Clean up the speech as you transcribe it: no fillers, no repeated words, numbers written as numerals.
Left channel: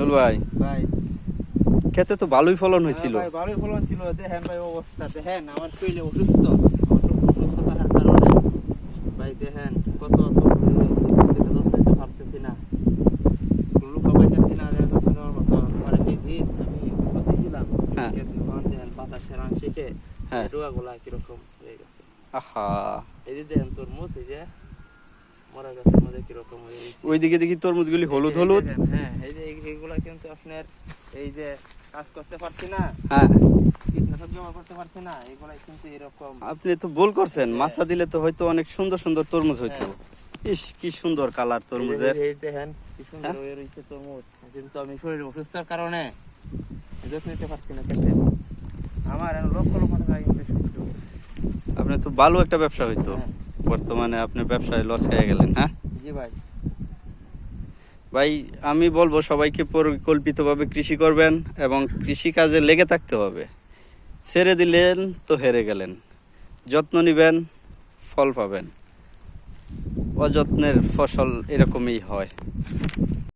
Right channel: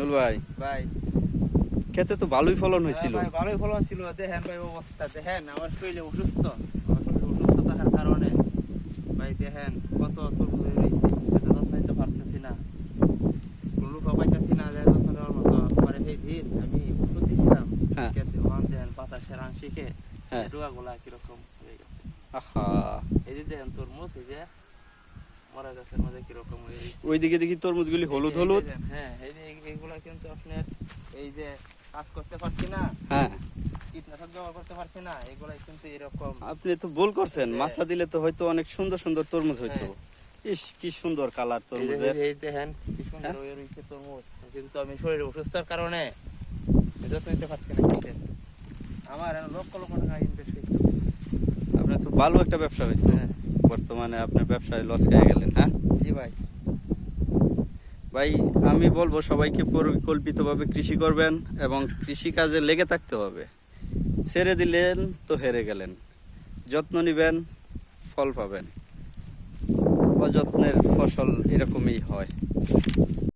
আইনুল ভাই, ভাই খেতে তো ভালোই ফলন হয়েছিল। ভাই ভালোই ফলন ছিল। দেখেন ভাই অবস্থা, দেখেন আমার শরীরে অসুস্থ, অসুস্থতার কারণে ভাই দেখেন কত ফুল রয়েছে, খেতে তো পারতেছি না, লুকা পাইতেছি না। দেওয়ার মতো আমার এই দিন আমি দিয়েছিলাম দেখেন বাতাসের আংশিকে ডোয়াগুলা কিরকম হয়ে গেছে। আহা, এই যে দেখেন তরমুজ, এই যে মরা গাছের মধ্যে কিরকম হয়ে গেছে। ওইদিকে দেখি তরমুজগুলি হলুদ হলুদ। হ্যাঁ, এই যে এইগুলা কিন্তু আপনার এই যে কাজ করতে পারছি না, হ্যাঁ, কীটনাশক ব্যবহার করতে পারছি না, এগুলা কিন্তু এরকম। আপনি তো ভুল করছেন, মাছা দিলে তো হয়তো অনেক সুন্দর সুন্দর তরমুজ হইতো। ইস, কি সুন্দর কালার তরমুজের। এই দেখেন কি সুন্দর হয়ে রয়েছে তরমুজ, কিন্তু আমি শরীরে অসুস্থতার কারণে এটা নিতে পারছি না। আমার লক্ষ লক্ষ টাকা ইনভেস্ট হয়েছে। আপনি তো ভালো একটা ব্যবসা হইতো, বর্তমানে আপনি ব্যবসায় লস খেয়ে গেলেন। হ্যাঁ জি ভাই। ভাই, আমি বলবো সবাইকে পরিকল্পিতভাবে কৃষি করবেন এবং কৃষি কাজে লেগে থাকতে হবে। ছেড়ে দিলেন তো হেরে গেলেন। যত্ন নিবেন, ফল পাবেন। অযত্নের ফসল এরকমই হয়।